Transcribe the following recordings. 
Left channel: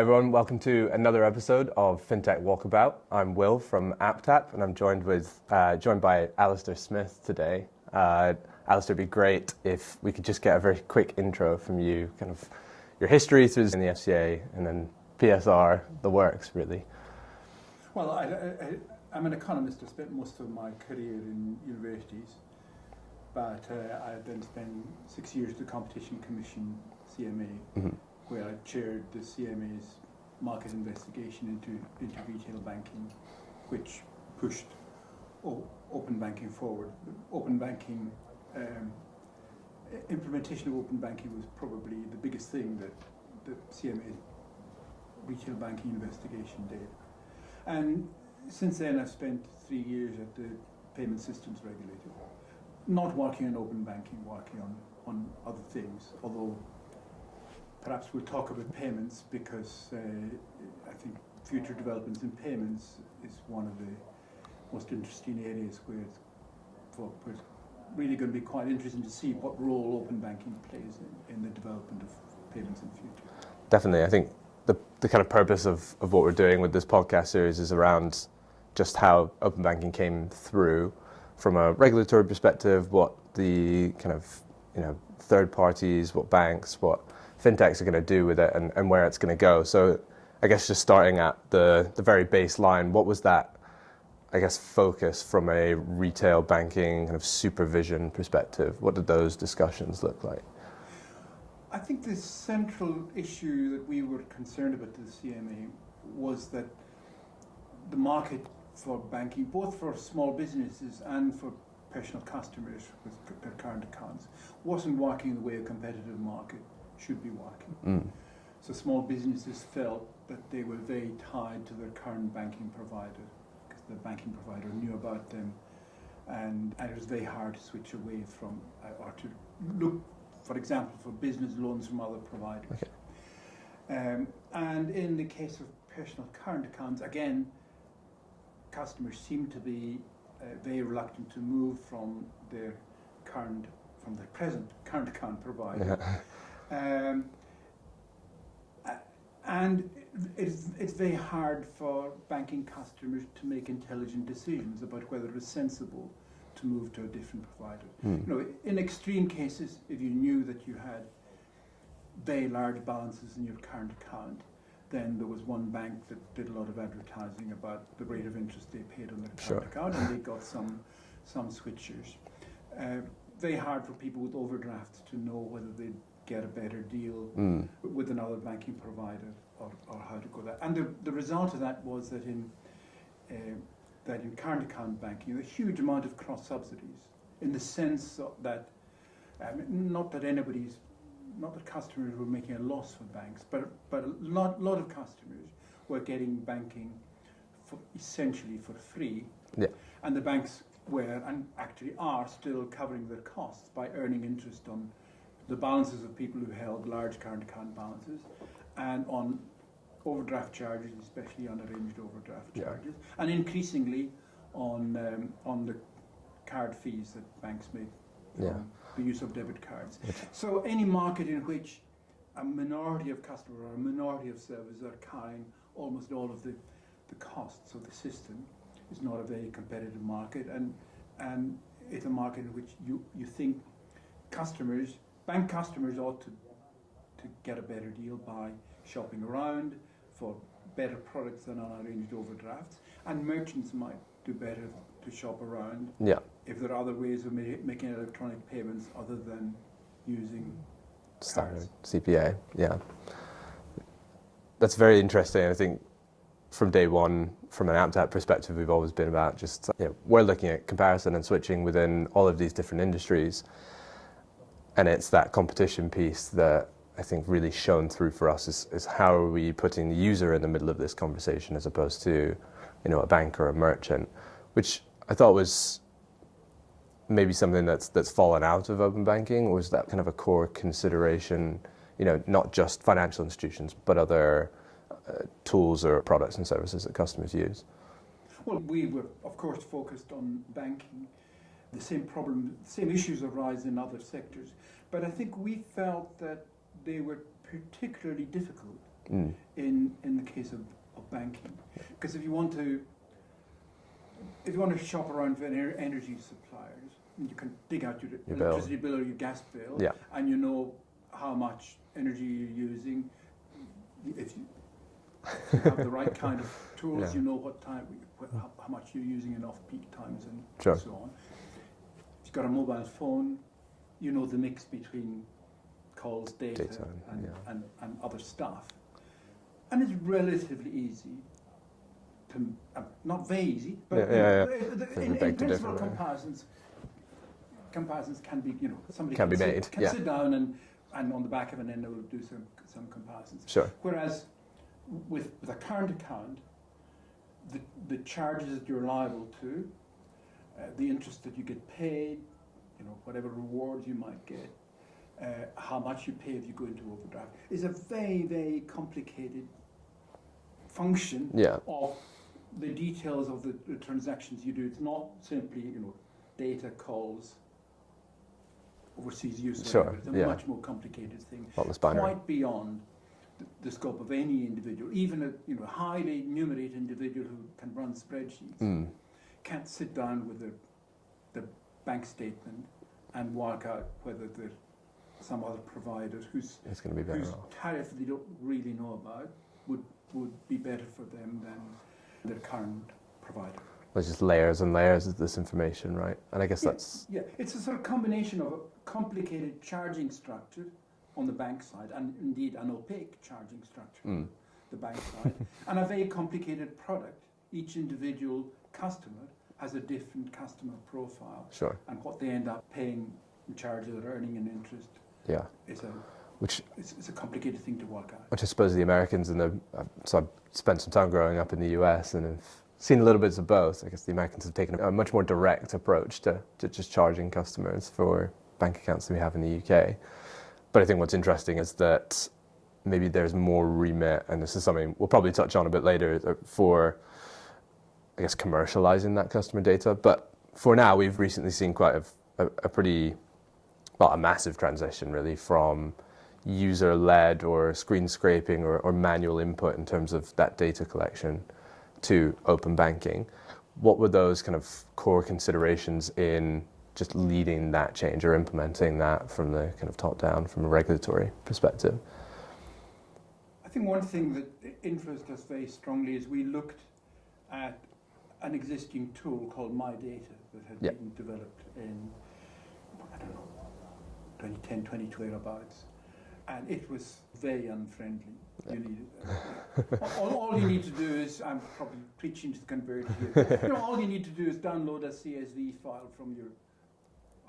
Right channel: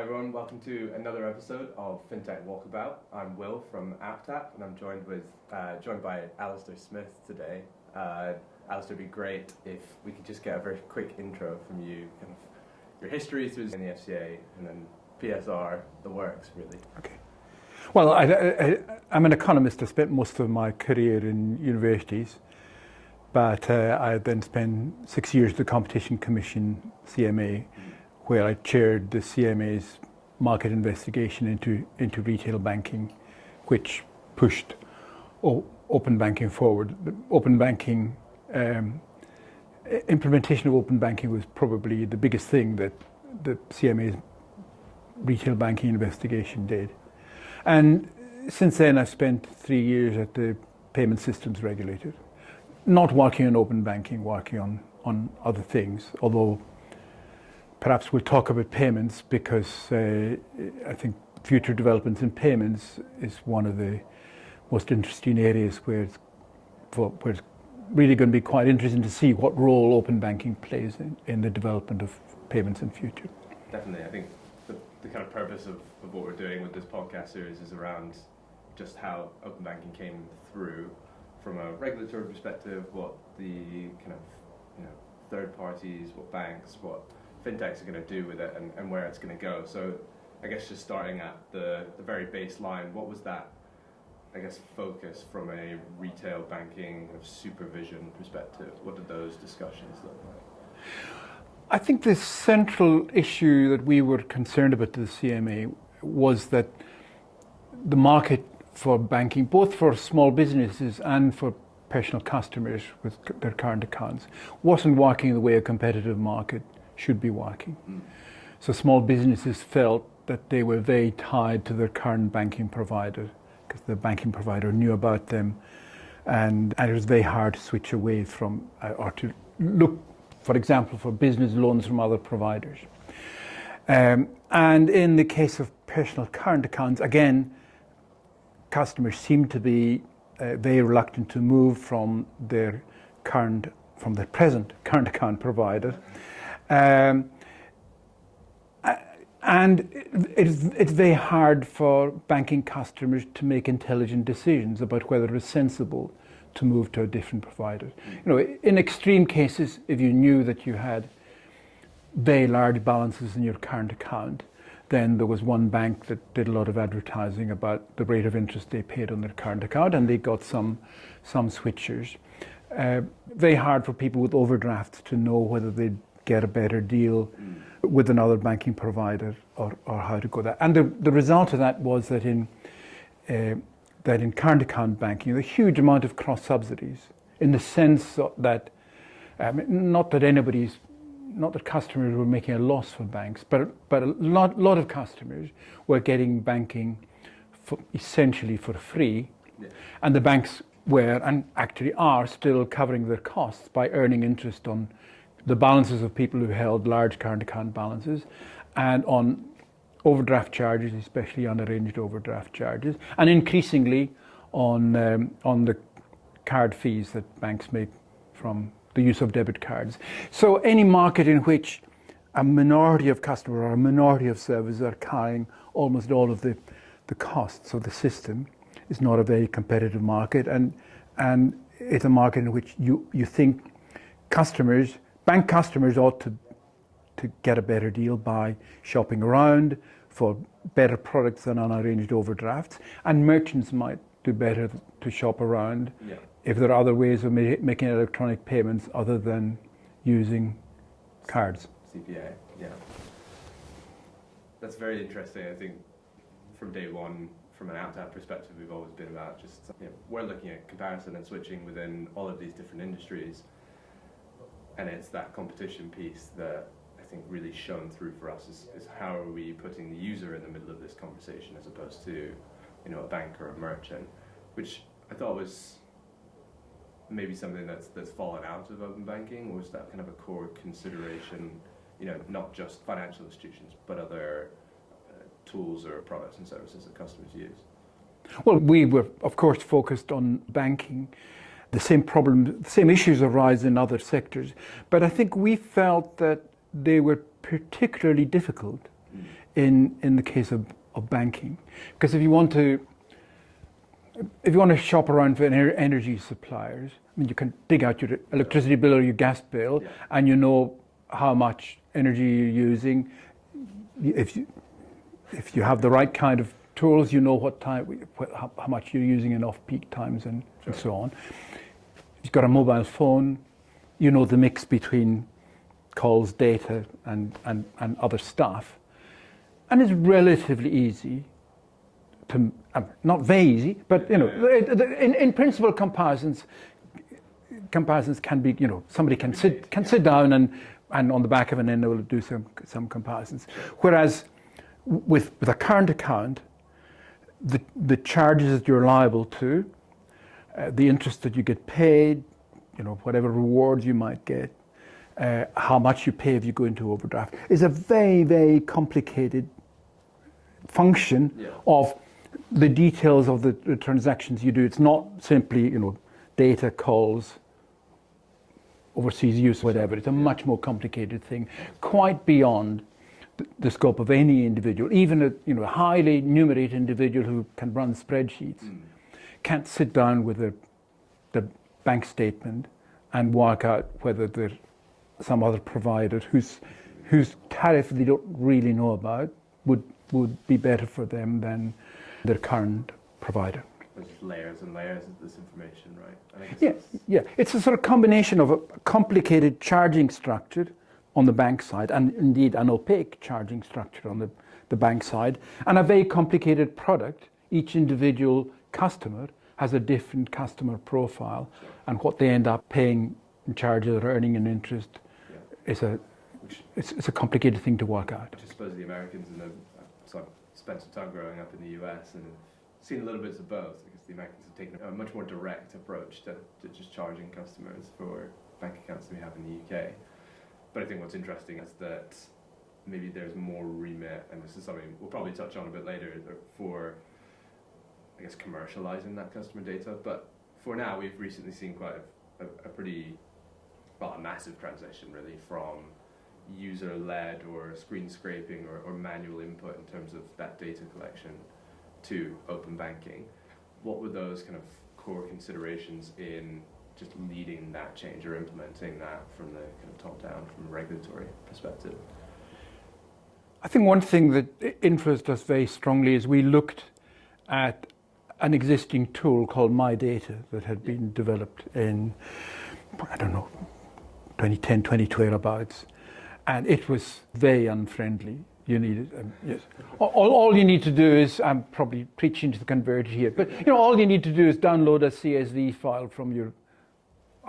Hi everyone, welcome to another episode of FinTech Walkabout. I'm Will from AppTap and I'm joined by Alasdair Smith today. Alasdair, it'd be great if we could just get a very quick intro from you, kind of your history through in the FCA and then PSR, the works really. Okay. Well, I'm an economist. I spent most of my career in universities, but I then spent 6 years at the Competition Commission, CMA, where I chaired the CMA's market investigation into retail banking, which pushed open banking forward. The open banking implementation of open banking was probably the biggest thing that the CMA's retail banking investigation did. And since then, I've spent 3 years at the payment systems regulator, not working on open banking, working on other things, although perhaps we'll talk about payments because I think future developments in payments is one of the most interesting areas where it's really going to be quite interesting to see what role open banking plays in the development of payments in future. Definitely. I think the kind of purpose of what we're doing with this podcast series is around just how open banking came through from a regulatory perspective, what the kind of third parties, what banks, what fintechs are going to do with it and where it's going to go. So I guess just starting at the very baseline, what was that, I guess, focus from a retail banking kind of supervision perspective? What did those discussions look like? I think the central issue that we were concerned about to the CMA was that the market for banking, both for small businesses and for personal customers with their current accounts, wasn't working the way a competitive market should be working. So small businesses felt that they were very tied to their current banking provider because the banking provider knew about them, and it was very hard to switch away from or to look, for example, for business loans from other providers. And in the case of personal current accounts, again, customers seem to be very reluctant to move from their present current account provider. And it's very hard for banking customers to make intelligent decisions about whether it's sensible to move to a different provider. In extreme cases, if you knew that you had very large balances in your current account, then there was one bank that did a lot of advertising about the rate of interest they paid on their current account, and they got some switchers. Very hard for people with overdrafts to know whether they'd get a better deal with another banking provider or how to go that. And the result of that was that in current account banking, a huge amount of cross subsidies, in the sense that not that customers were making a loss for banks, but a lot of customers were getting banking essentially for free, and the banks were and actually are still covering their costs by earning interest on the balances of people who held large current account balances and on overdraft charges, especially unarranged overdraft charges, and increasingly on the card fees that banks make from the use of debit cards. So any market in which a minority of customers or a minority of services are carrying almost all of the costs of the system is not a very competitive market, and it's a market in which you think bank customers ought to get a better deal by shopping around for better products than unarranged overdrafts, and merchants might do better to shop around if there are other ways of making electronic payments other than using cards. CPA, That's very interesting. I think from day one, from an AppTap perspective, we've always been about just, we're looking at comparison and switching within all of these different industries. And it's that competition piece that I think really shone through for us is how are we putting the user in the middle of this conversation as opposed to, a bank or a merchant, which I thought was maybe something that's fallen out of open banking, or is that kind of a core consideration, not just financial institutions, but other tools or products and services that customers use? Well, we were, of course, focused on banking. The same issues arise in other sectors, but I think we felt that they were particularly difficult in the case of banking. Because if you want to shop around for energy suppliers, I mean, you can dig out your electricity bill or your gas bill, and you know how much energy you're using. If you have the right kind of tools, you know what time, how much you're using in off-peak times and so on. If you've got a mobile phone, you know the mix between calls, data, and other stuff. And it's relatively easy to, not very easy, but in principle comparisons can be, somebody can sit down and on the back of an end will do some comparisons. Sure. Whereas with a current account, the charges that you're liable to, the interest that you get paid, whatever rewards you might get, how much you pay if you go into overdraft, is a very, very complicated function of the details of the transactions you do. It's not simply, data, calls, overseas use, whatever. It's a much more complicated thing, quite beyond the scope of any individual. Even a highly numerated individual who can run spreadsheets can't sit down with the bank statement and work out whether there's some other provider whose tariff they don't really know about would be better for them than their current provider. There's just layers and layers of this information, right? And I guess that's... Yeah, it's a sort of combination of a complicated charging structure on the bank side, and indeed an opaque charging structure on the bank side, and a very complicated product. Each individual customer has a different customer profile, and what they end up paying in charges or earning in interest is it's a complicated thing to work out. Which I suppose the Americans so I've spent some time growing up in the US and have seen a little bits of both. I guess the Americans have taken a much more direct approach to just charging customers for bank accounts than we have in the UK. But I think what's interesting is that maybe there's more remit, and this is something we'll probably touch on a bit later, for, I guess, commercializing that customer data. But for now, we've recently seen quite a pretty, a massive transition really from user-led or screen scraping or manual input in terms of that data collection to open banking. What were those kind of core considerations in just leading that change or implementing that from the kind of top down, from a regulatory perspective? I think one thing that influenced us very strongly is we looked at an existing tool called My Data that had been developed in, 2010, 2012 abouts, and it was very unfriendly. You need all you need to do is, I'm probably preaching to the converted here, but all you need to do is download a CSV file from your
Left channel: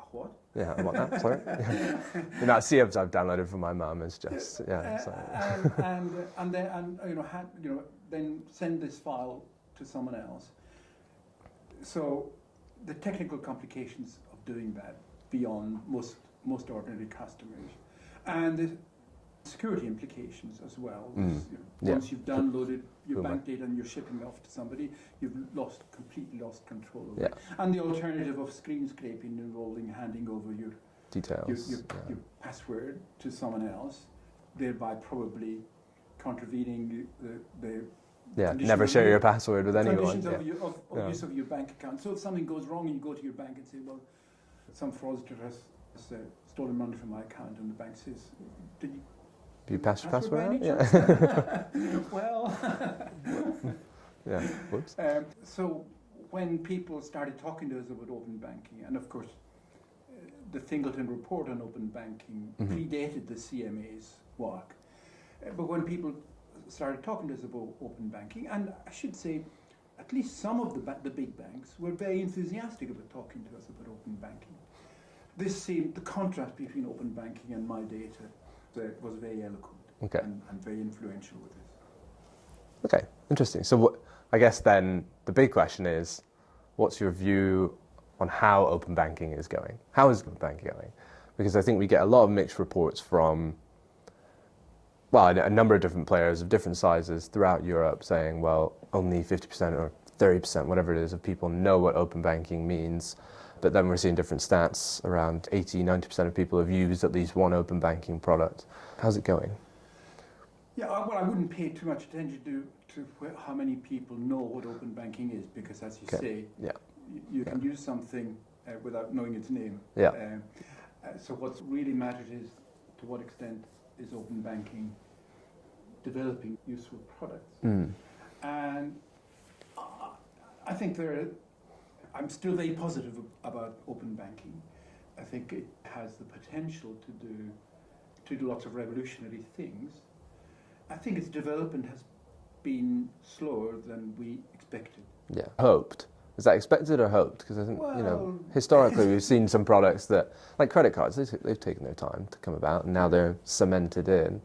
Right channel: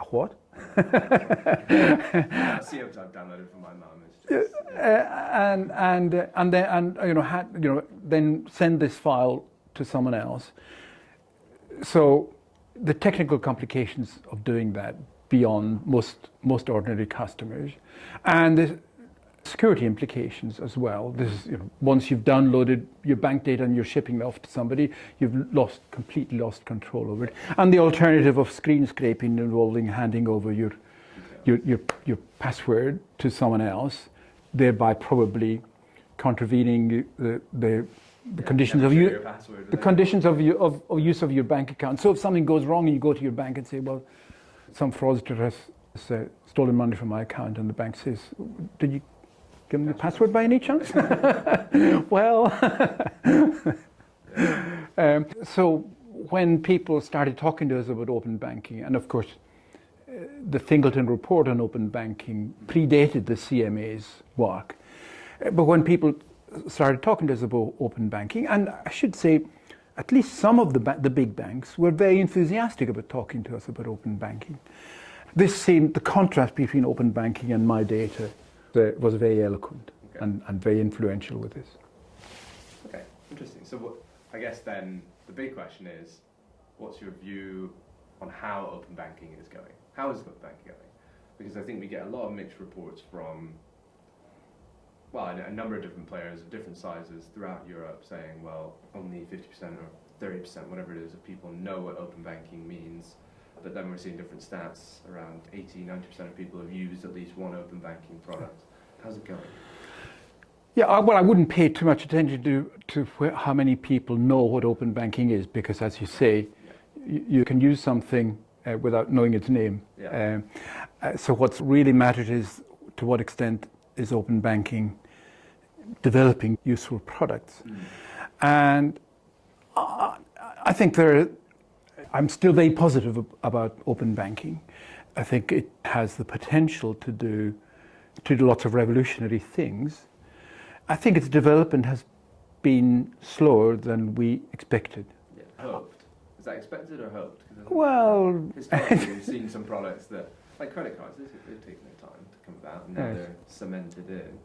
what? Yeah, what? Sorry. That CMs I've downloaded from my mum is just then send this file to someone else. So the technical complications of doing that beyond most ordinary customers, and the security implications as well. This once you've downloaded your bank data and you're shipping it off to somebody, you've completely lost control over it. And the alternative of screen scraping involving handing over your details, your password to someone else, thereby probably contravening the conditions of your password with the conditions of use of your bank account. So if something goes wrong and you go to your bank and say, well, some fraudster has stolen money from my account, and the bank says, did you give them the password by any chance? Well, so when people started talking to us about open banking, and of course the Singleton report on open banking predated the CMA's work, but when people started talking to us about open banking, and I should say at least some of the big banks were very enthusiastic about talking to us about open banking. This seemed, the contrast between open banking and My Data was very eloquent and very influential with this. Okay, interesting. So I guess then the big question is, what's your view on how open banking is going? How is open banking going? Because I think we get a lot of mixed reports from, a number of different players of different sizes throughout Europe saying, well, only 50% or 30%, whatever it is, of people know what open banking means. But then we're seeing different stats, around 80, 90% of people have used at least one open banking product. How's it going? Yeah, well, I wouldn't pay too much attention to how many people know what open banking is, because, as you say, Yeah. you can use something without knowing its name. Yeah. So what's really mattered is to what extent is open banking developing useful products. And I think I'm still very positive about open banking. I think it has the potential to do lots of revolutionary things. I think its development has been slower than we expected. Yeah. Hoped. Is that expected or hoped? Because I think Well, historically we've seen some products that, like credit cards, they've taken their time to come about, and now they're cemented in.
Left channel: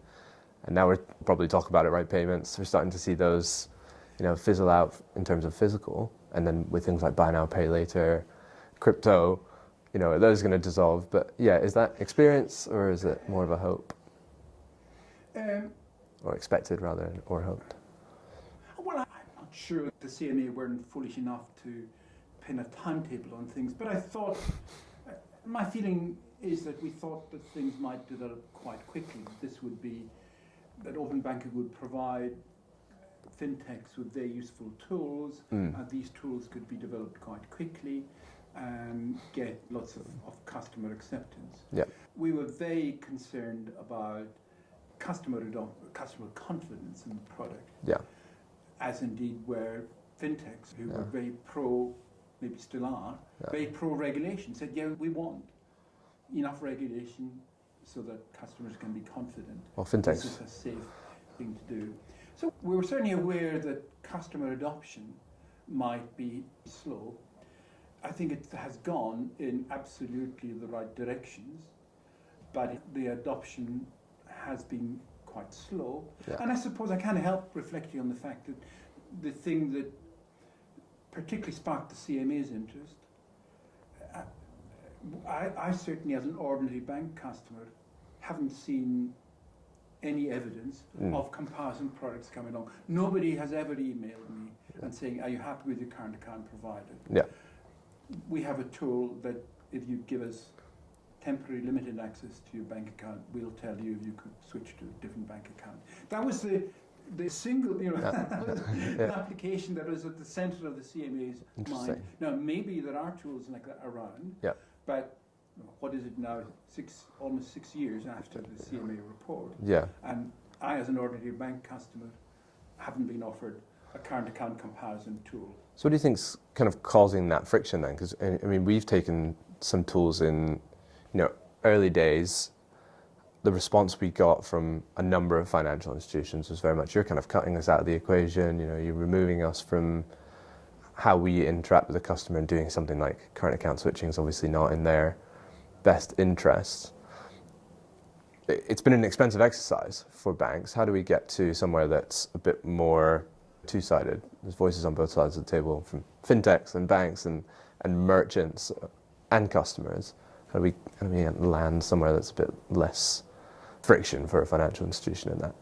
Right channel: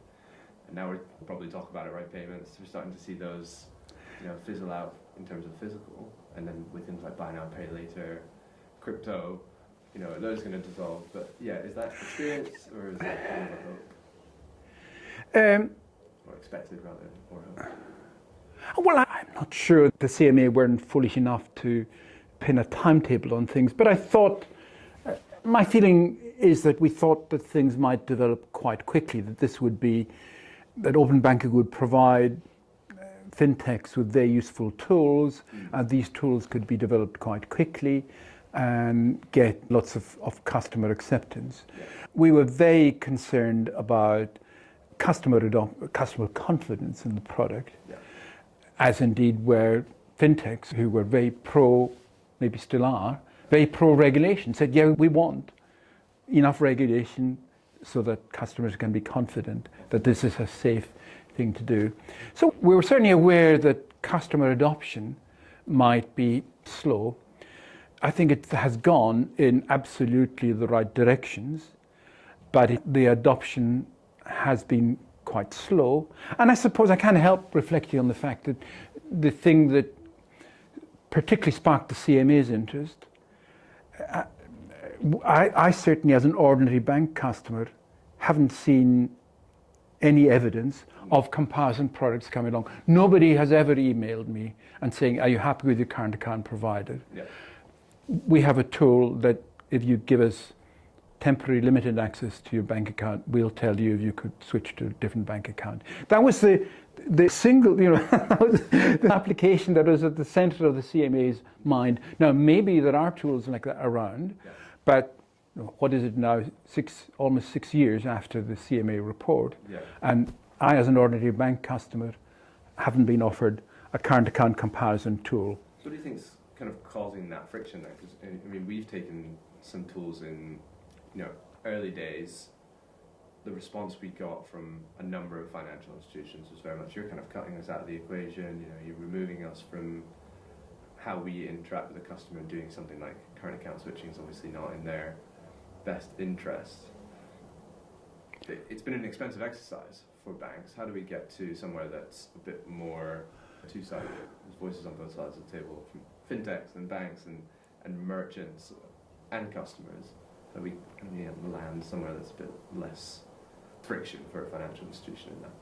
And now we're probably talk about it, right? Payments. We're starting to see those, fizzle out in terms of physical, and then with things like buy now, pay later, crypto, those are going to dissolve. But yeah, is that experience or is it more of a hope? Or expected rather, or hoped? Well, I'm not sure the CMA weren't foolish enough to pin a timetable on things, but I thought, my feeling is that we thought that things might develop quite quickly, that open banking would provide fintechs with very useful tools, and these tools could be developed quite quickly and get lots of customer acceptance. Yeah. We were very concerned about customer confidence in the product. Yeah. As indeed were fintechs, who were very pro, maybe still are, very pro-regulation, said, yeah, we want enough regulation so that customers can be confident that this is a safe thing to do. So we were certainly aware that customer adoption might be slow. I think it has gone in absolutely the right directions, but the adoption has been quite slow. And I suppose I can't help reflecting on the fact that the thing that particularly sparked the CMA's interest, I certainly, as an ordinary bank customer, haven't seen any evidence of comparison products coming along. Nobody has ever emailed me and saying, are you happy with your current account provider? Yeah. We have a tool that if you give us temporary limited access to your bank account, we'll tell you if you could switch to a different bank account. That was the single, that was the application that was at the center of the CMA's mind. Now, maybe there are tools like that around, but what is it now, almost 6 years after the CMA report, and I, as an ordinary bank customer, haven't been offered a current account comparison tool. So what do you think's kind of causing that friction then? Because, I mean, we've taken some tools in early days. The response we got from a number of financial institutions was very much, you're kind of cutting us out of the equation, you're removing us from how we interact with the customer, and doing something like current account switching is obviously not in their best interest. It's been an expensive exercise for banks. How do we get to somewhere that's a bit more two-sided? There's voices on both sides of the table from fintechs and banks and merchants and customers. How do we land somewhere that's a bit less friction for a financial institution in that?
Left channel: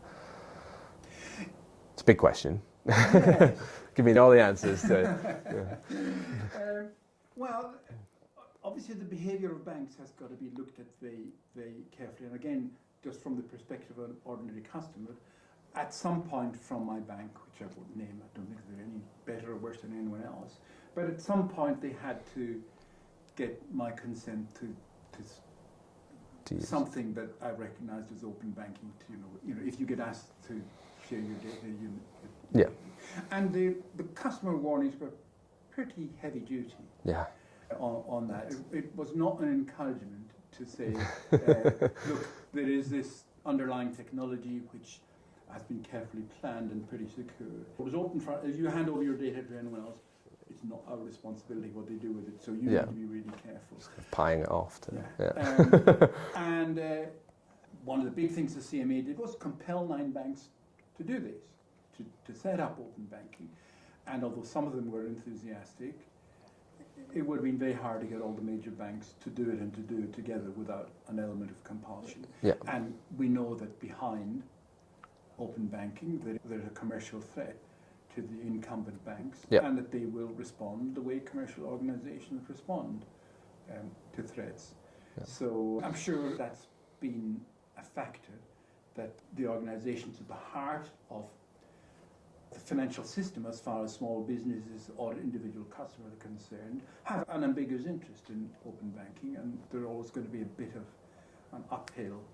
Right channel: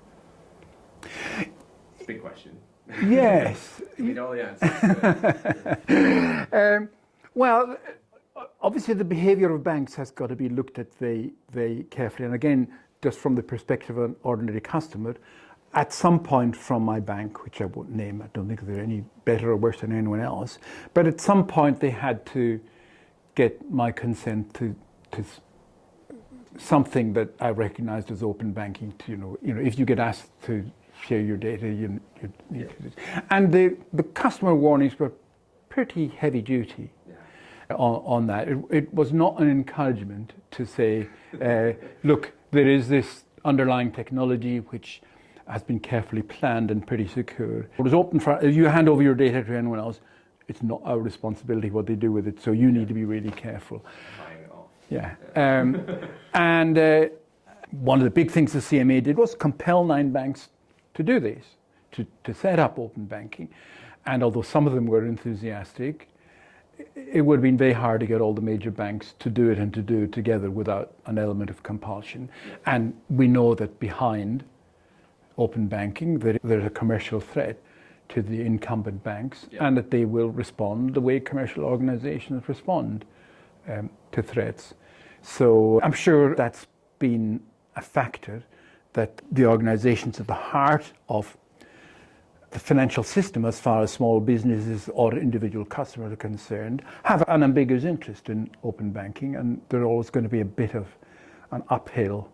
It's a big question. Yes. Give me all the answers. Well, obviously the behavior of banks has got to be looked at very, very carefully. And again, just from the perspective of an ordinary customer, at some point from my bank, which I won't name, I don't think they're any better or worse than anyone else, but at some point they had to get my consent to something that I recognized as open banking. To, if you get asked to share your data, and the customer warnings were pretty heavy duty. Yeah. On that. It was not an encouragement to say, look, there is this underlying technology which has been carefully planned and pretty secure. It was open for, if you hand over your data to anyone else, it's not our responsibility what they do with it, so you need to be really careful. Paying it off. And one of the big things the CMA did was compel 9 banks to do this, to set up open banking. And although some of them were enthusiastic, it would have been very hard to get all the major banks to do it and to do it together without an element of compulsion. And we know that behind open banking, there's a commercial threat to the incumbent banks, and that they will respond the way commercial organizations respond to threats. So I'm sure that's been a factor, that the organisations at the heart of the financial system, as far as small businesses or individual customers are concerned, have an ambiguous interest in open banking, and there's always going to be a bit of an uphill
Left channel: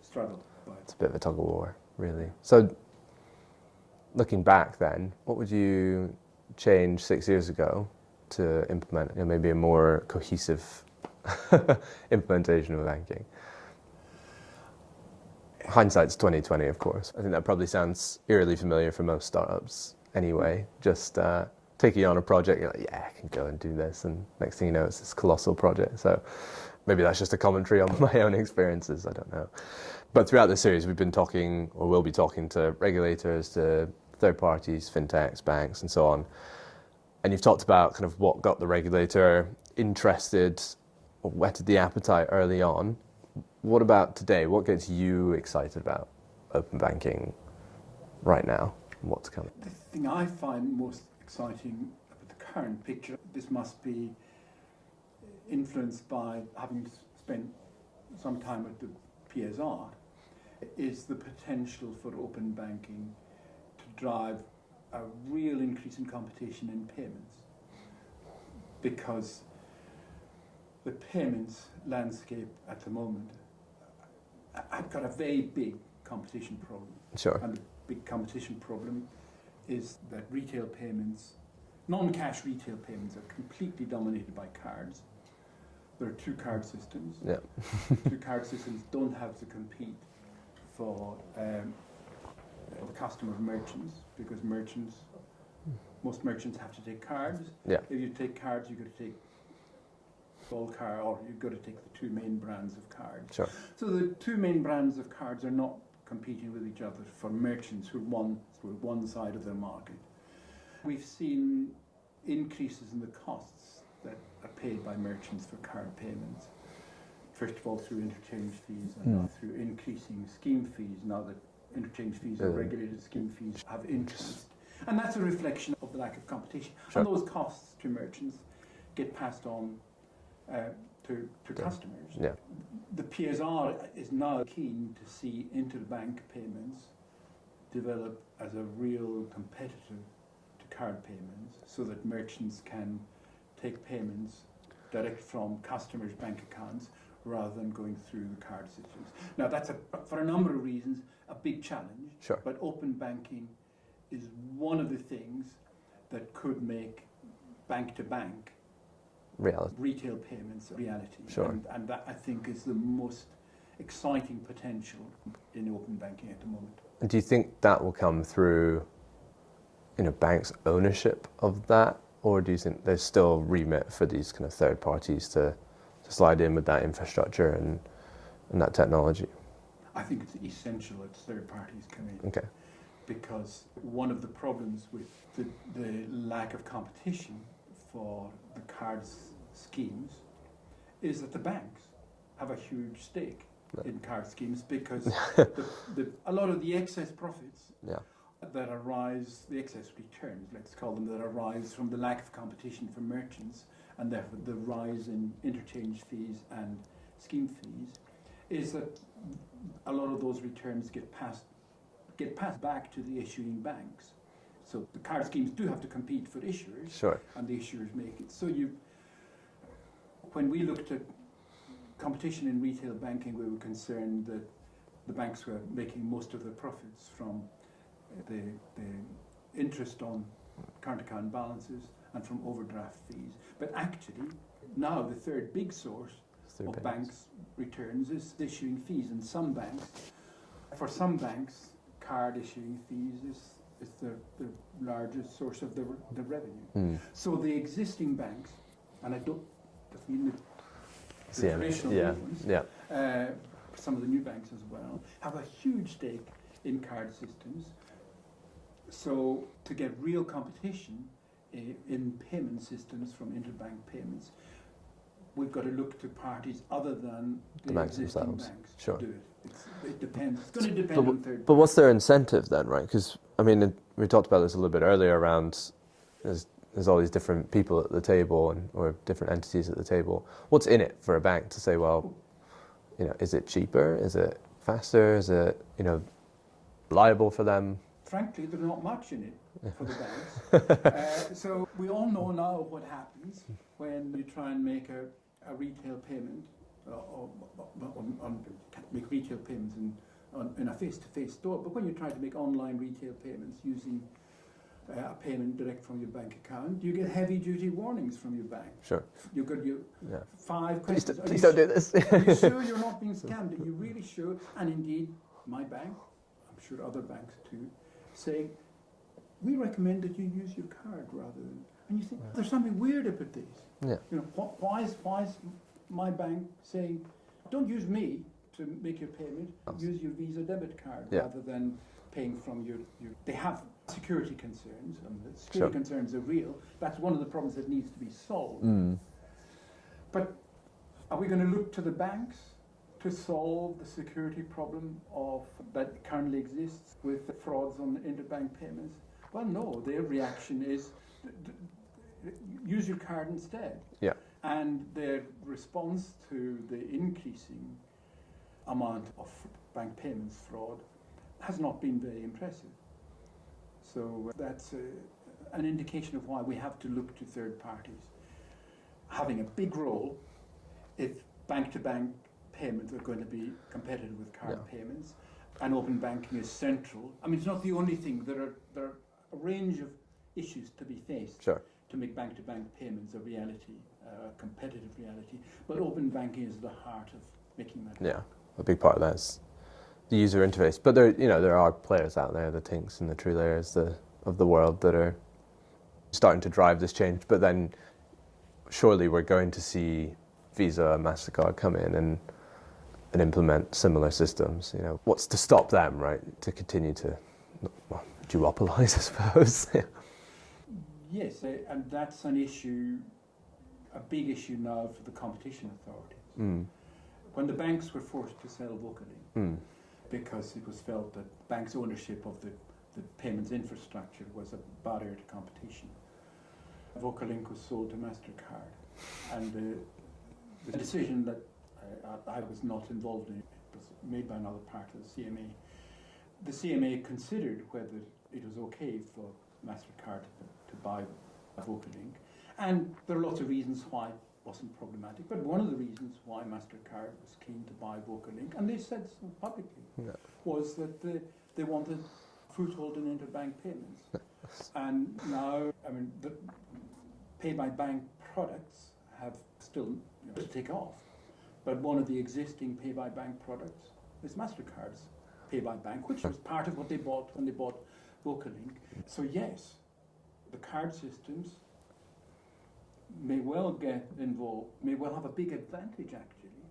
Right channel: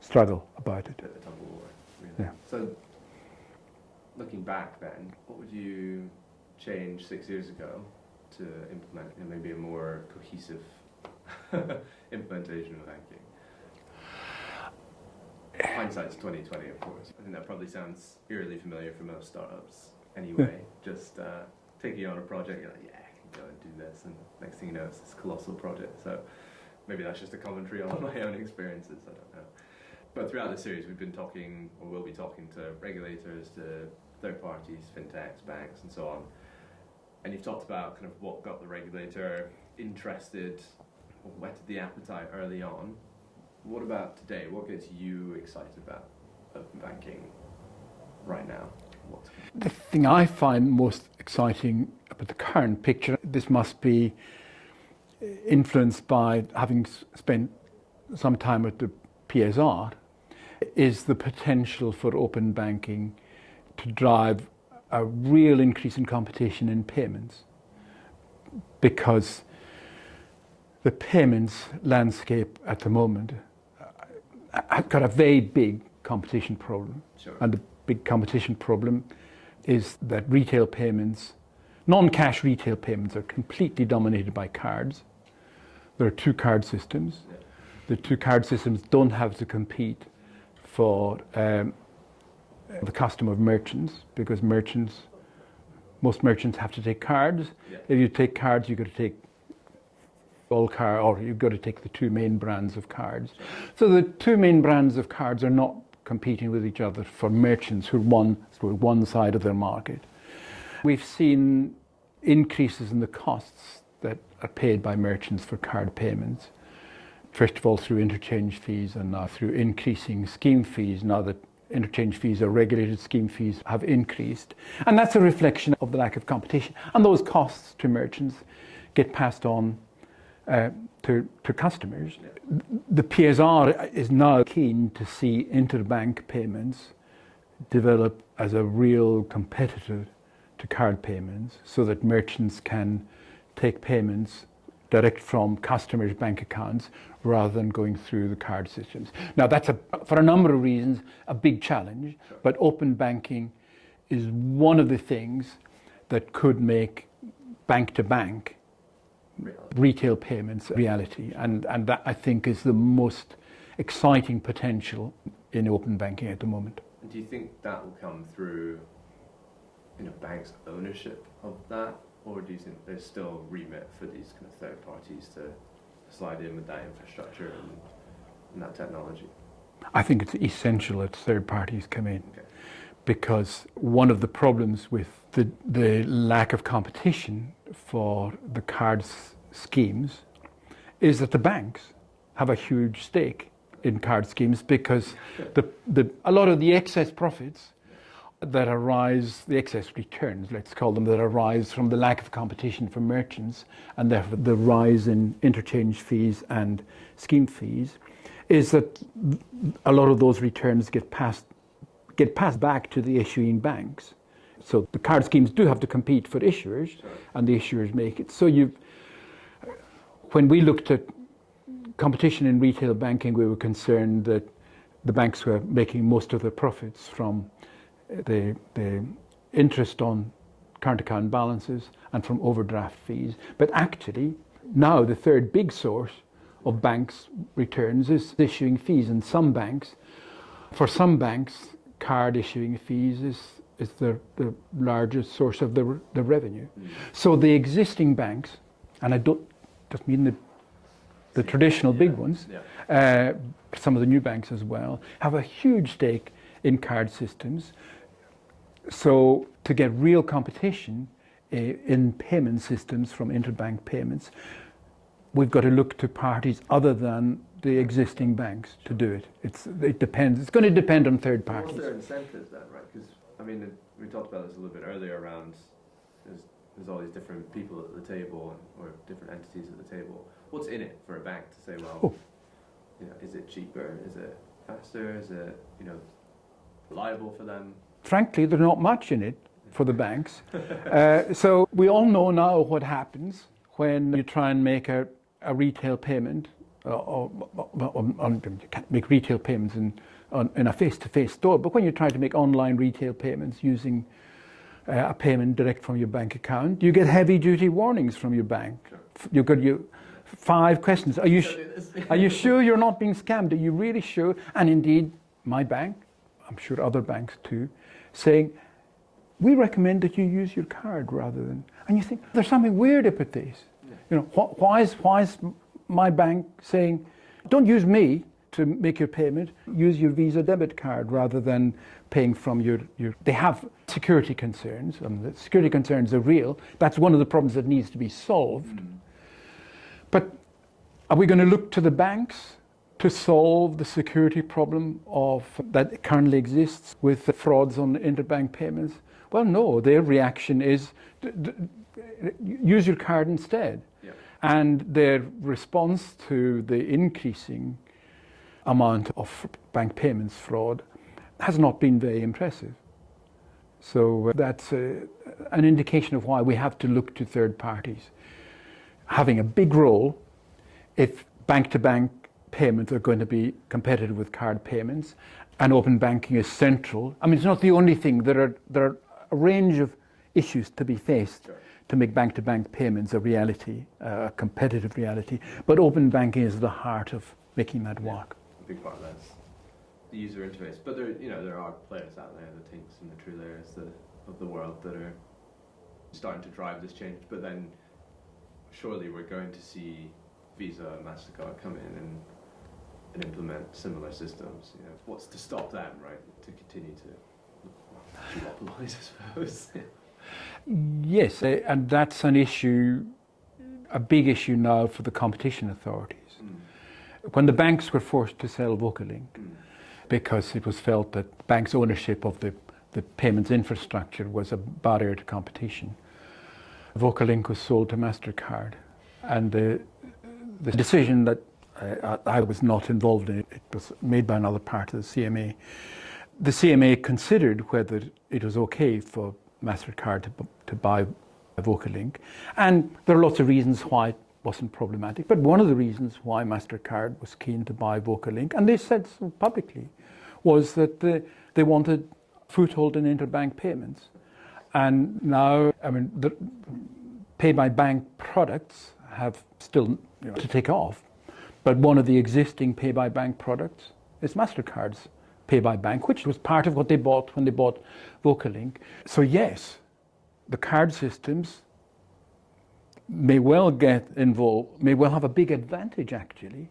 struggle about It's it. a bit of a tug of war, really. Yeah. So, looking back then, what would you change 6 years ago to implement maybe a more cohesive implementation of banking? Hindsight's 2020, of course. I think that probably sounds eerily familiar for most startups anyway. Just taking on a project, you're like, yeah, I can go and do this, and next thing you know, it's this colossal project. So maybe that's just a commentary on my own experiences, I don't know. But throughout the series, we've been talking, or will be talking, to regulators, to third parties, fintechs, banks, and so on. And you've talked about kind of what got the regulator interested, or whetted the appetite early on. What about today? What gets you excited about open banking right now? What's coming? The thing I find most exciting about the current picture, this must be influenced by having spent some time at the PSR, is the potential for open banking to drive a real increase in competition in payments, because the payments landscape at the moment have got a very big competition problem. Sure. And the big competition problem is that retail payments, non-cash retail payments, are completely dominated by cards. There are two card systems. Yeah. The two card systems don't have to compete for the custom of merchants, because most merchants have to take cards. Yeah. If you take cards, you've got to take all card, or you've got to take the two main brands of cards. Sure. So the two main brands of cards are not competing with each other for merchants who are one side of their market. We've seen increases in the costs that are paid by merchants for card payments. First of all, through interchange fees, and now through increasing scheme fees. Now that interchange fees are regulated, scheme fees have increased. And that's a reflection of the lack of competition. Sure. And those costs to merchants get passed on to customers. Yeah. The PSR is now keen to see interbank payments develop as a real competitor to card payments, so that merchants can take payments direct from customers' bank accounts rather than going through the card systems. Now that's, for a number of reasons, a big challenge. Sure. But open banking is one of the things that could make bank-to-bank Reality. retail payments reality. Sure. And that, I think, is the most exciting potential in open banking at the moment. And do you think that will come through, banks' ownership of that, or do you think there's still remit for these kind of third parties to slide in with that infrastructure and that technology? I think it's essential that third parties come in. Okay. Because one of the problems with the lack of competition for the cards schemes is that the banks have a huge stake in card schemes, because a lot of the excess profits that arise, the excess returns, let's call them, that arise from the lack of competition for merchants, and therefore the rise in interchange fees and scheme fees, is that a lot of those returns get passed back to the issuing banks. So the card schemes do have to compete for issuers. Sure. And the issuers make it. So when we looked at competition in retail banking, we were concerned that the banks were making most of their profits from the interest on current account balances and from overdraft fees. But actually, now the third big source of banks' returns is issuing fees. And for some banks, card issuing fees is the largest source of the revenue. So the existing banks, and I don't just mean the traditional big ones, some of the new banks as well, have a huge stake in card systems. So to get real competition in payment systems from interbank payments, we've got to look to parties other than the existing banks to do it. It depends. It's going to depend on third parties. But what's their incentive then, right? Because, we talked about this a little bit earlier around there's all these different people at the table or different entities at the table. What's in it for a bank to say, well, is it cheaper? Is it faster? Is it, reliable for them? Frankly, there's not much in it for the banks. So we all know now what happens when you try and make a retail payment, you can't make retail payments in a face-to-face store, but when you try to make online retail payments using a payment direct from your bank account, you get heavy-duty warnings from your bank. Sure. You've got 5 questions. Please don't do this. Are you sure you're not being scammed? Are you really sure? And indeed, my bank, I'm sure other banks too, saying, we recommend that you use your card rather than, and you think, there's something weird about this. Yeah. Why is my bank saying, don't use me to make your payment, use your Visa debit card rather than paying from your they have security concerns, and the security concerns are real. That's one of the problems that needs to be solved. But are we going to look to the banks to solve the security problem that currently exists with the frauds on interbank payments? Well, no, their reaction is use your card instead. Yeah. And their response to the increasing amount of bank payments fraud has not been very impressive. So that's an indication of why we have to look to third parties having a big role if bank-to-bank payments are going to be competitive with card payments, and open banking is central. I mean, it's not the only thing. There are a range of issues to be faced to make bank-to-bank payments a reality, a competitive reality. But open banking is the heart of making that work. A big part of that is the user interface. But there are players out there, the Tinks and the TrueLayers of the world, that are starting to drive this change. But then surely we're going to see Visa and MasterCard come in and implement similar systems. What's to stop them, right, to continue to duopolize, I suppose? Yes, and that's an issue, a big issue now for the competition authorities. When the banks were forced to sell Vocalink, because it was felt that banks' ownership of the payments infrastructure was a barrier to competition, Vocalink was sold to MasterCard. And the decision that I was not involved in, it was made by another part of the CMA. The CMA considered whether it was okay for MasterCard to buy Vocalink. And there are lots of reasons why it wasn't problematic. But one of the reasons why MasterCard was keen to buy Vocalink, and they said so publicly, was that they wanted foothold in interbank payments. And now, I mean, the pay-by-bank products have still to take off. But one of the existing pay-by-bank products is MasterCard's pay-by-bank, which was part of what they bought when they bought Vocalink. So yes, the card systems may well get involved, may well have a big advantage actually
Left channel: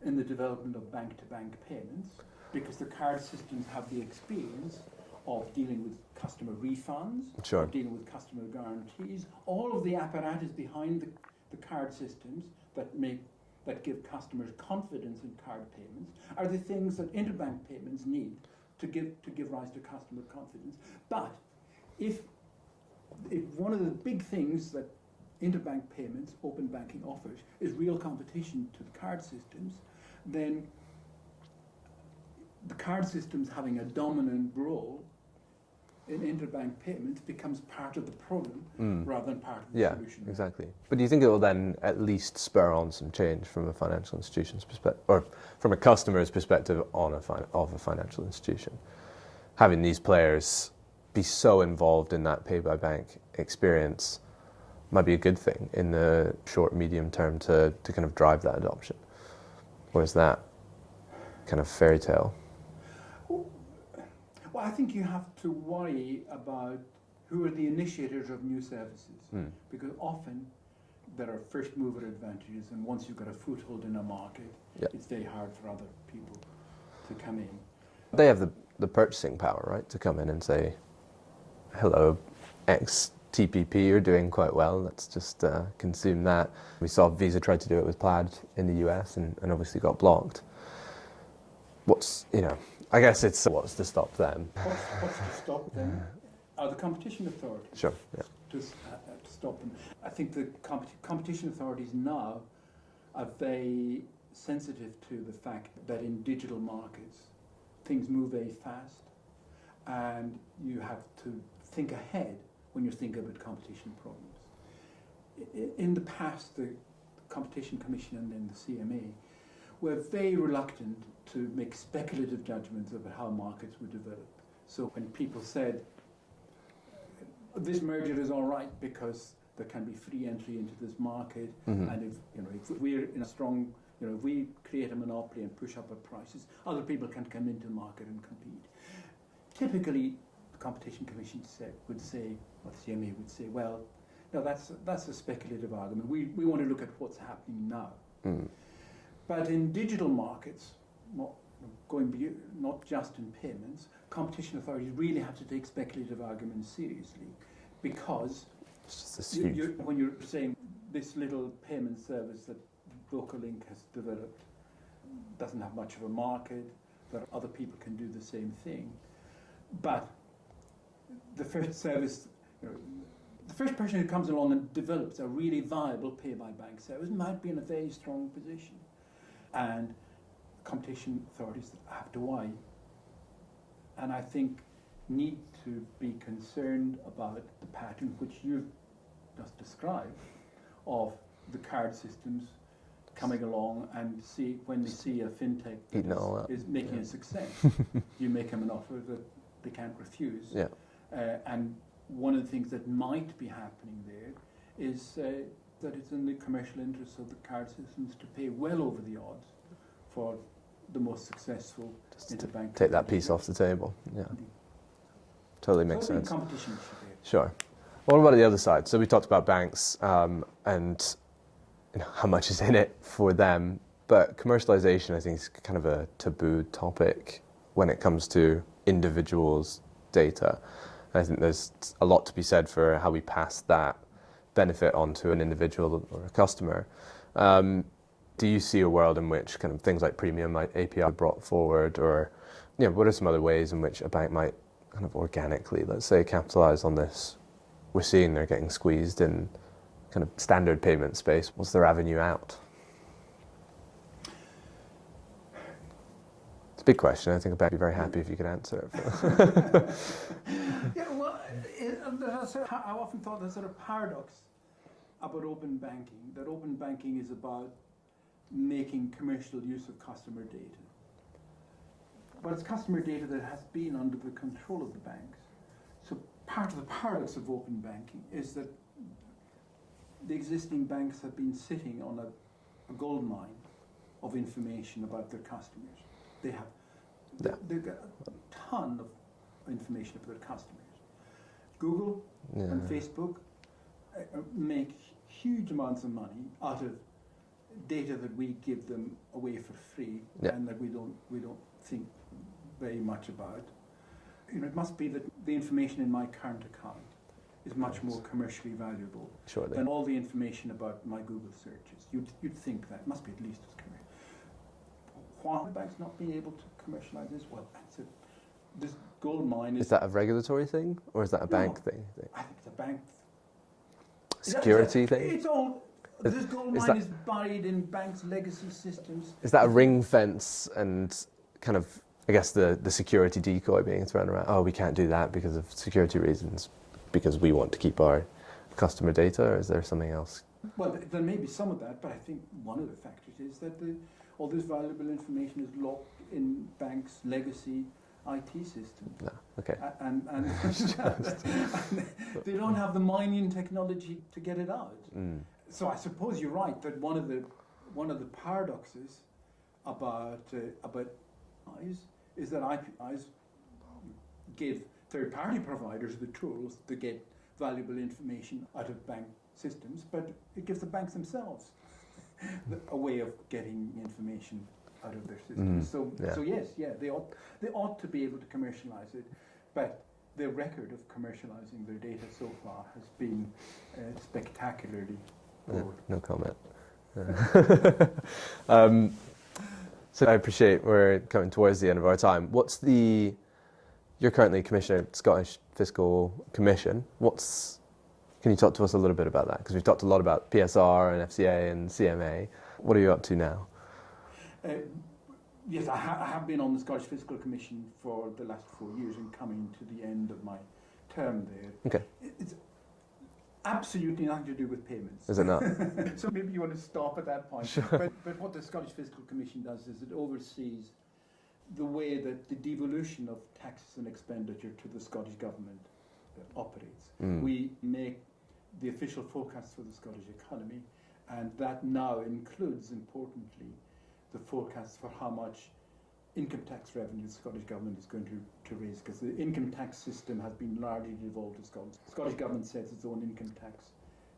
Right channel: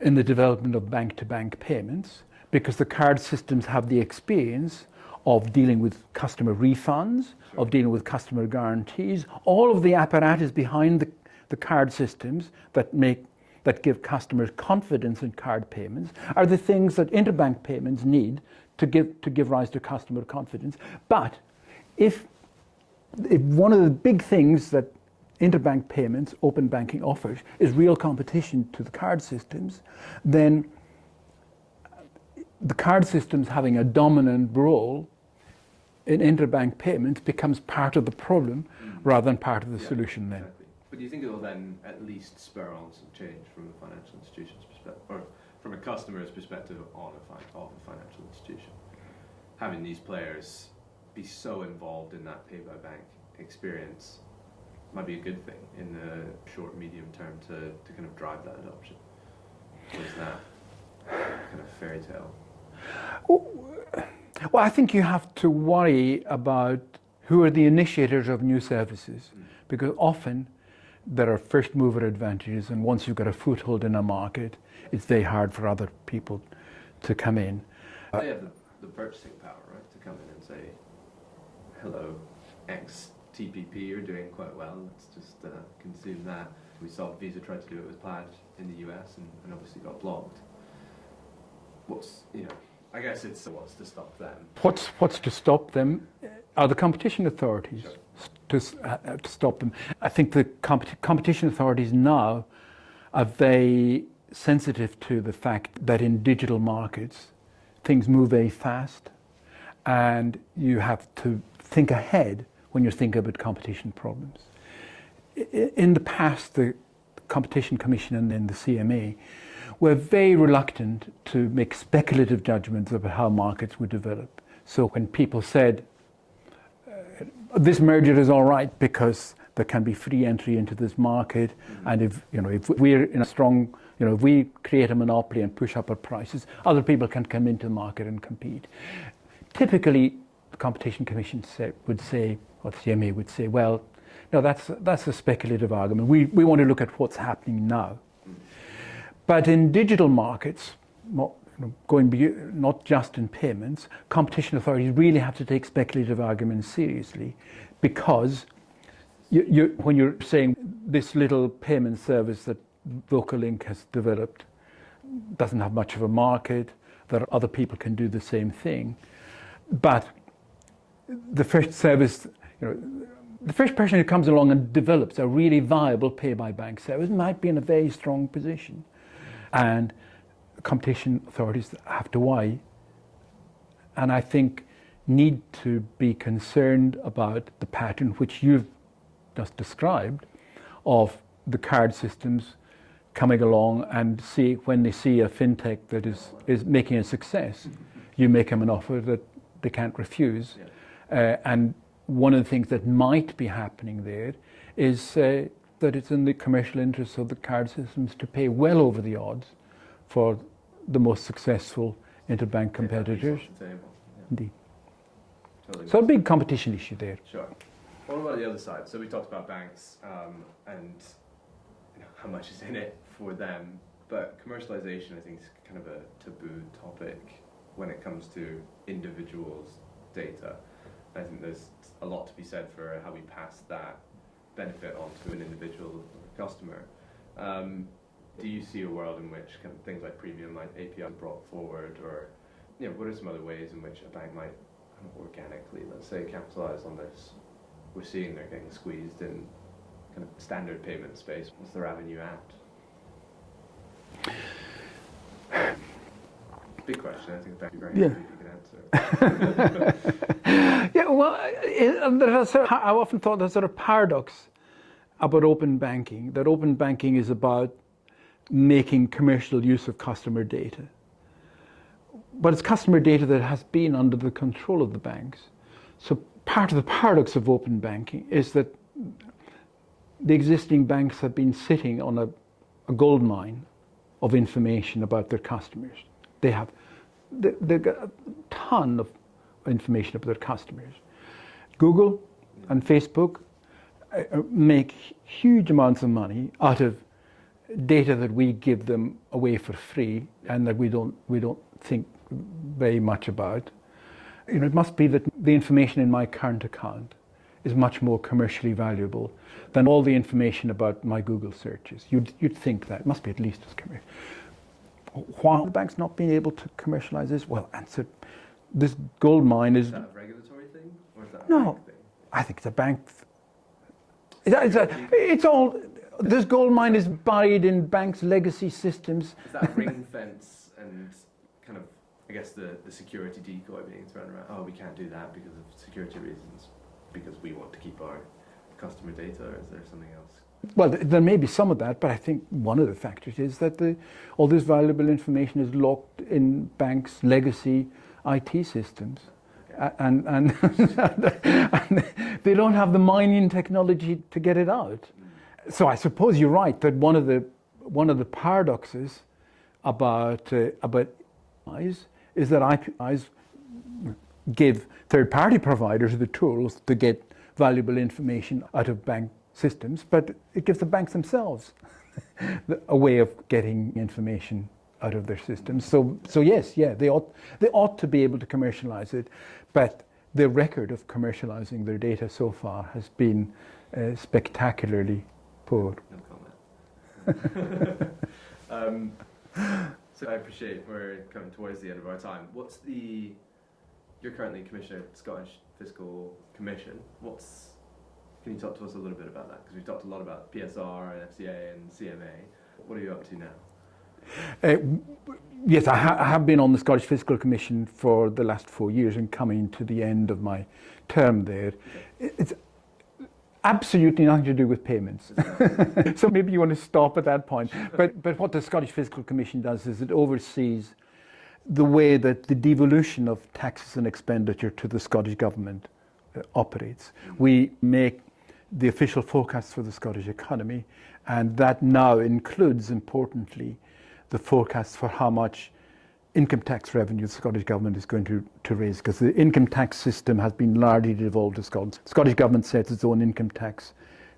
in the development of bank-to-bank payments, because the card systems have the experience of dealing with customer refunds, of dealing with customer guarantees, all of the apparatus behind the card systems that give customers confidence in card payments are the things that interbank payments need to give rise to customer confidence. But if one of the big things that interbank payments, open banking offers, is real competition to the card systems, then the card systems having a dominant role in interbank payments becomes part of the problem rather than part of the solution. Exactly. But do you think it will then at least spur on some change from a financial institution's perspective, or from a customer's perspective of a financial institution? Having these players be so involved in that pay-by-bank experience might be a good thing in the short, medium term to kind of drive that adoption. Or is that kind of fairy tale? Well, I think you have to worry about who are the initiators of new services, because often there are first mover advantages, and once you've got a foothold in a market, it's very hard for other people to come in. They have the purchasing power, right, to come in and say, hello, X TPP, you're doing quite well, let's just consume that. We saw Visa try to do it with Plaid in the US and obviously got blocked. I guess it's what's to stop them. What's to stop them are the competition authorities to stop them. I think the competition authorities now are very sensitive to the fact that in digital markets things move very fast, and you have to think ahead when you're thinking about competition problems. In the past, the Competition Commission and then the CMA were very reluctant to make speculative judgments about how markets would develop. So when people said, this merger is all right because there can be free entry into this market, and if we're in a strong, if we create a monopoly and push up our prices, other people can come into the market and compete. Typically, the Competition Commission would say, or the CMA would say, well, no, that's a speculative argument. We want to look at what's happening now. But in digital markets, not just in payments, competition authorities really have to take speculative arguments seriously, because when you're saying this little payment service that VocaLink has developed doesn't have much of a market, that other people can do the same thing, but the first service, the first person who comes along and develops a really viable pay-by-bank service might be in a very strong position. And competition authorities have to weigh, and I think need to be concerned about the pattern which you've just described of the card systems coming along, and see when they see a FinTech that is making a success, you make them an offer that they can't refuse. And one of the things that might be happening there is that it's in the commercial interests of the card systems to pay well over the odds for the most successful interbank competitors. Take that piece off the table. Yeah. Indeed. Totally makes So a sense. big competition issue there. Sure. What about the other side? So we talked about banks and how much is in it for them, but commercialization, I think, is kind of a taboo topic when it comes to individuals' data. And I think there's a lot to be said for how we pass that benefit onto an individual or a customer. Do you see a world in which kind of things like premium API are brought forward, or what are some other ways in which a bank might kind of organically, let's say, capitalize on this? We're seeing they're getting squeezed in kind of standard payment space. What's their avenue out? It's a big question. I think a bank would be very happy if you could answer it. I often thought there's sort of paradox about open banking, that open banking is about making commercial use of customer data. But it's customer data that has been under the control of the banks. So part of the paradox of open banking is that the existing banks have been sitting on a gold mine of information about their customers. They've got a ton of information about their customers. Google and Facebook make huge amounts of money out of data that we give them away for free and that we don't think very much about. It must be that the information in my current account is much more commercially valuable than all the information about my Google searches. You'd think that. It must be at least as commercial. Why are the banks not being able to commercialize this? Well, answer, this gold mine is... Is that a regulatory thing, or is that a bank thing? I think it's a bank Security thing? It's all... This gold mine is buried in banks' legacy systems. Is that a ring fence and kind of, I guess, the security decoy being thrown around? Oh, we can't do that because of security reasons, because we want to keep our customer data, or is there something else? Well, there may be some of that, but I think one of the factors is that all this valuable information is locked in banks' legacy IT systems. No. Okay. And they don't have the mining technology to get it out. So I suppose you're right that one of the paradoxes about APIs is that APIs give third-party providers the tools to get valuable information out of bank systems, but it gives the banks themselves a way of getting information out of their systems. So yes, they ought to be able to commercialize it, but the record of commercializing their data so far has been spectacularly poor. No comment. So I appreciate we're coming towards the end of our time. You're currently Commissioner at Scottish Fiscal Commission. Can you talk to us a little bit about that? Because we've talked a lot about PSR and FCA and CMA. What are you up to now? Yes, I have been on the Scottish Fiscal Commission for the last 4 years and coming to the end of my term there. Okay. It's absolutely nothing to do with payments. Is it not? So maybe you want to stop at that point. But what the Scottish Fiscal Commission does is it oversees the way that the devolution of taxes and expenditure to the Scottish Government operates. We make the official forecasts for the Scottish economy, and that now includes, importantly, the forecast for how much income tax revenue the Scottish Government is going to raise, because the income tax system has been largely devolved to Scotland. The Scottish Government sets its own income tax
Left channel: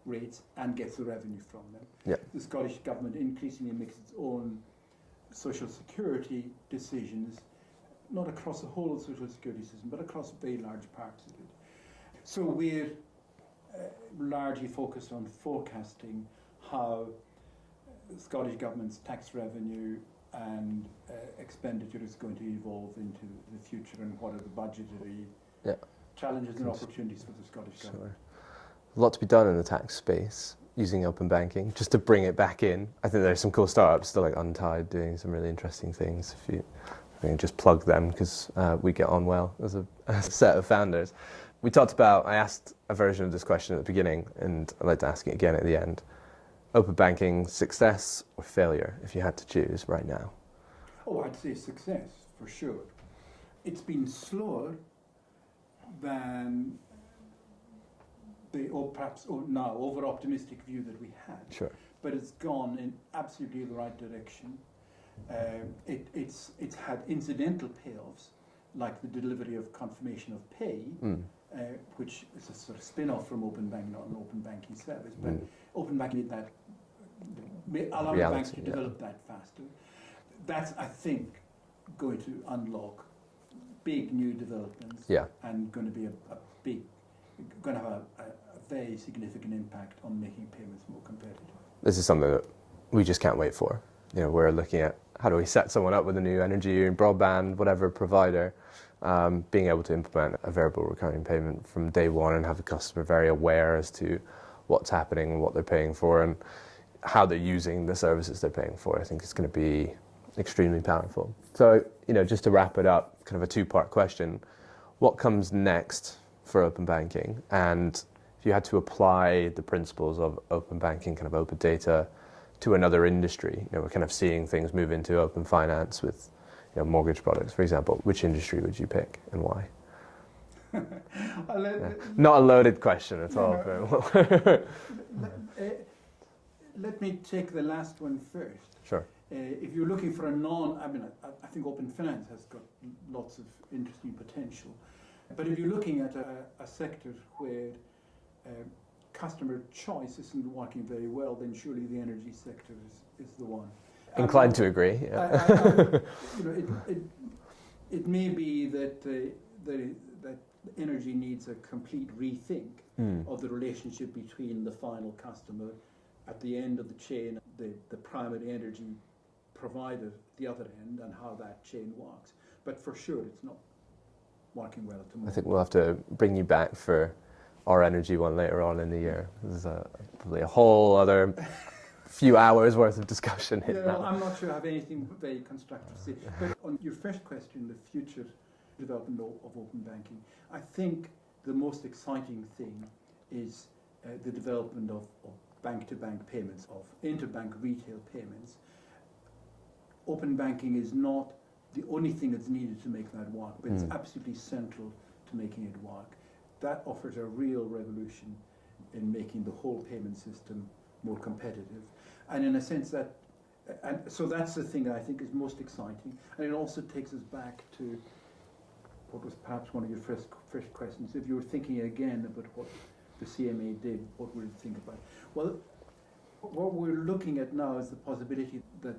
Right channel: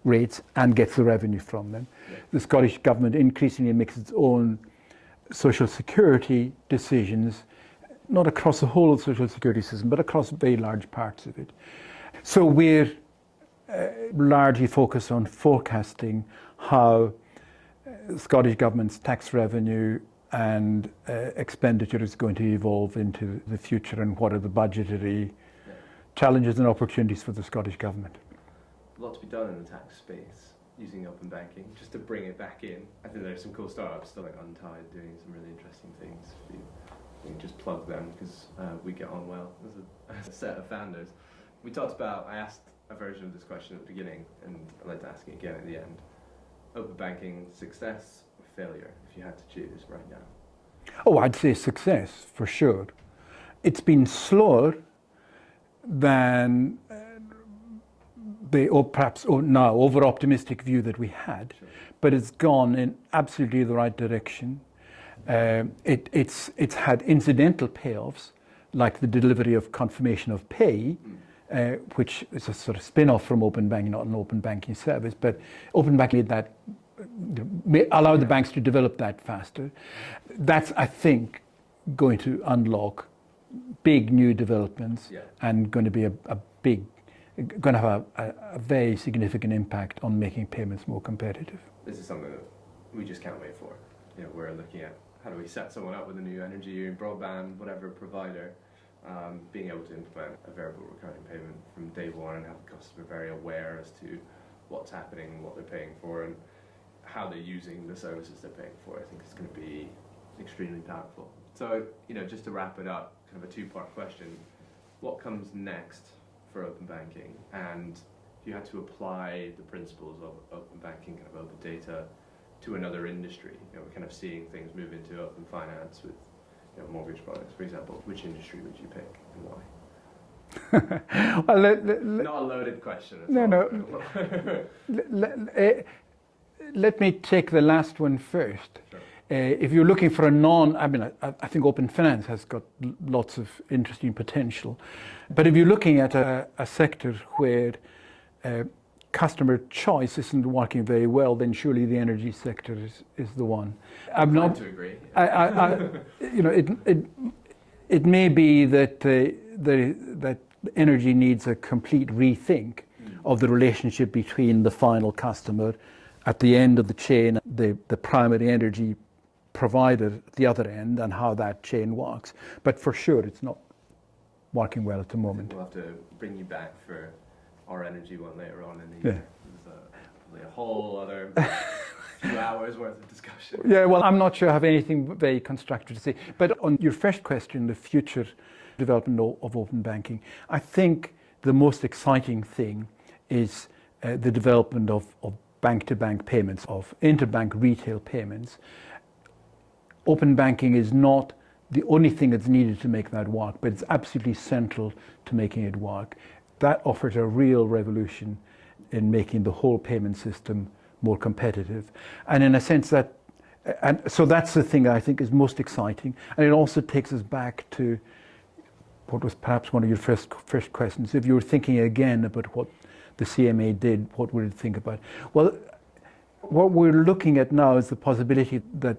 rates and gets the revenue from them. Yeah. The Scottish Government increasingly makes its own social security decisions, not across the whole of the social security system, but across very large parts of it. So we're largely focused on forecasting how the Scottish Government's tax revenue and expenditure is going to evolve into the future, and what are the budgetary challenges and opportunities for the Scottish Government. A lot to be done in the tax space using open banking. Just to bring it back in, I think there's some cool startups still, like Untied, doing some really interesting things. If you can just plug them, because we get on well as a set of founders. We talked about, I asked a version of this question at the beginning, and I'd like to ask it again at the end. Open banking, success or failure, if you had to choose right now? Oh, I'd say success, for sure. It's been slower than the now over-optimistic view that we had, sure, but it's gone in absolutely the right direction. It's had incidental payoffs, like the delivery of confirmation of pay, which is a sort of spin-off from open banking, not an open banking service, but open banking made that, allowed the banks to develop that faster. That's, I think, going to unlock big new developments and going to be going to have a very significant impact on making payments more competitive. This is something that we just can't wait for. We're looking at how do we set someone up with a new energy and broadband, whatever provider, being able to implement a variable recurring payment from day one and have the customer very aware as to what's happening and what they're paying for and how they're using the services they're paying for. I think it's going to be extremely powerful. So, just to wrap it up, kind of a two-part question. What comes next for open banking? And if you had to apply the principles of open banking, kind of open data, to another industry, we're kind of seeing things move into open finance with mortgage products, for example. Which industry would you pick and why? Well, not a loaded question at all. No. Let me take the last one first. Sure. If you're looking for I think open finance has got lots of interesting potential. But if you're looking at a sector where customer choice isn't working very well, then surely the energy sector is the one. I'm inclined to agree. Yeah. It may be that that energy needs a complete rethink of the relationship between the final customer at the end of the chain, the primary energy provider at the other end, and how that chain works. But for sure, it's not working well at the moment. I think we'll have to bring you back for our energy one later on in the year. There's probably a whole other few hours worth of discussion. Yeah, well, I'm not sure I have anything very constructive to say. But on your first question, the future development of open banking, I think the most exciting thing is the development of bank-to-bank payments, of interbank retail payments. Open banking is not the only thing that's needed to make that work, but it's absolutely central to making it work. That offers a real revolution in making the whole payment system more competitive. And in a sense so that's the thing that I think is most exciting. And it also takes us back to what was perhaps one of your first questions. If you were thinking again about what the CMA did, what would it think about? Well, what we're looking at now is the possibility that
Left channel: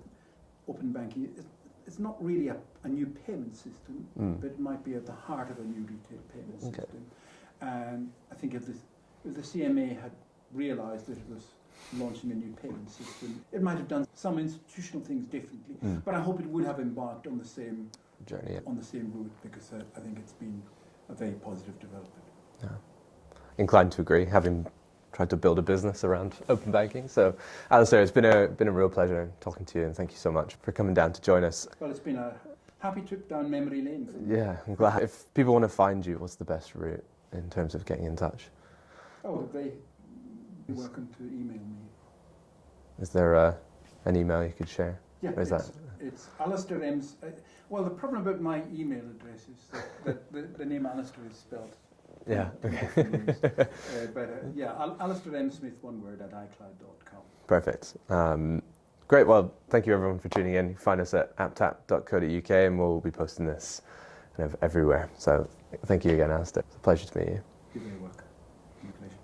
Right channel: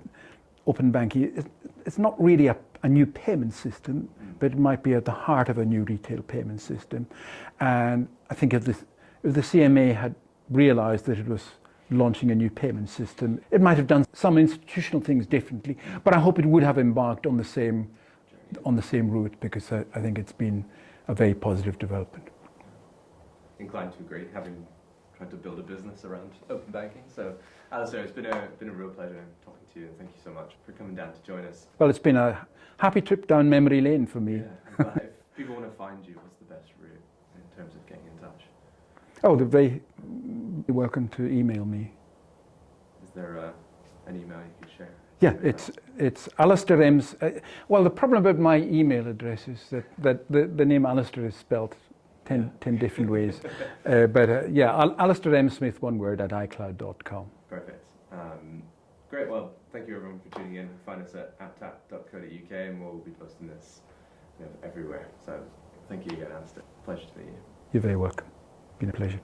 open banking, it's not really a new payment system, but it might be at the heart of a new retail payment system. And I think if the CMA had realized that it was launching a new payment system, it might have done some institutional things differently, but I hope it would have embarked on the same journey, on the same route, because I think it's been a very positive development. Yeah. Inclined to agree, having tried to build a business around open banking. So, Alasdair, it's been a real pleasure talking to you, and thank you so much for coming down to join us. Well, it's been a happy trip down memory lane for me. Yeah, I'm glad. If people want to find you, what's the best route in terms of getting in touch? Oh, they're very welcome to email me. Is there an email you could share? Yeah, it's Alasdair M's. Well, the problem about my email address is that the name Alasdair is spelled 10 different ways. Alasdair M. Smith, one word, at iCloud.com. Perfect. Great. Well, thank you everyone for tuning in. Find us at apptap.co.uk, and we'll be posting this kind of everywhere. So thank you again, Alasdair. It's a pleasure to meet you. You're very welcome. It's been a pleasure.